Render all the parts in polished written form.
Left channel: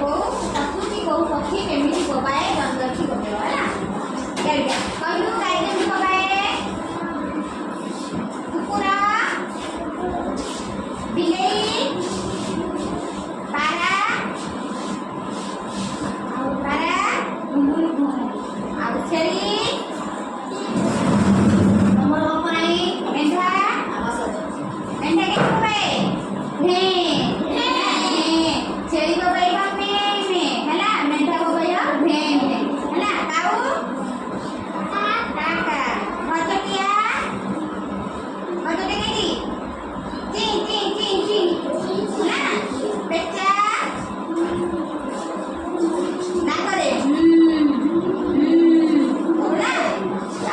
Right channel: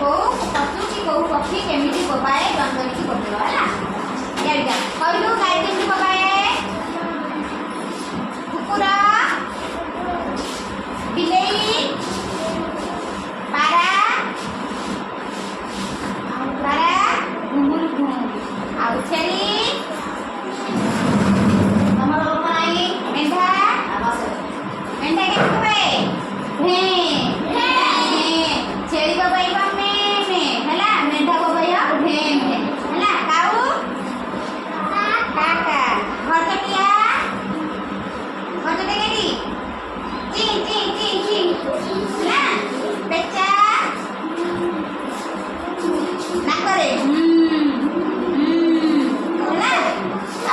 को पशु की को पक्षी केमिति बोबाए द्वंद्व की बोलबो हला या कहलु गाय केमिति बोबाए कुकुरा बिलेई पारा घुंगुर घुंगुर आ छेली हमर ओपराई मेंढा मेंढा के बोबाए भे छेली बोबाई में हला मेंढा बोबाई भे हला काऊ काका भटकिया भटकेगी ची ची ची ची हला बेचा ना करे हला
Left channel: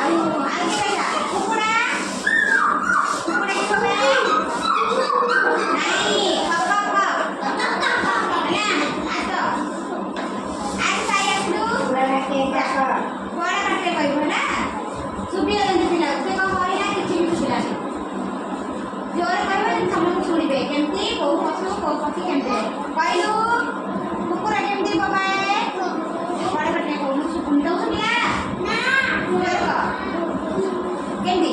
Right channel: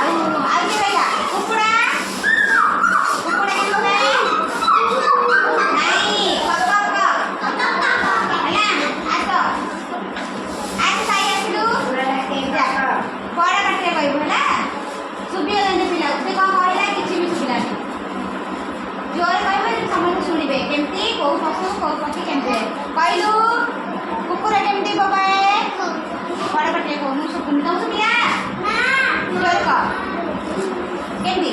आउ के भैया कुकुड़ा कुकुड़ा के बोबाई नहीं बड़ा कटे कहू है सुबिया पिला से कौन कहला किसी भी सुबिला जोर कहबे समस्त शुणिबे केमती को पशु को पक्षी केमते कहलु कुकुरा केमती बोबाए बड़ा कटे कहू सुकुन तो सुबिया ना जोर कह केमती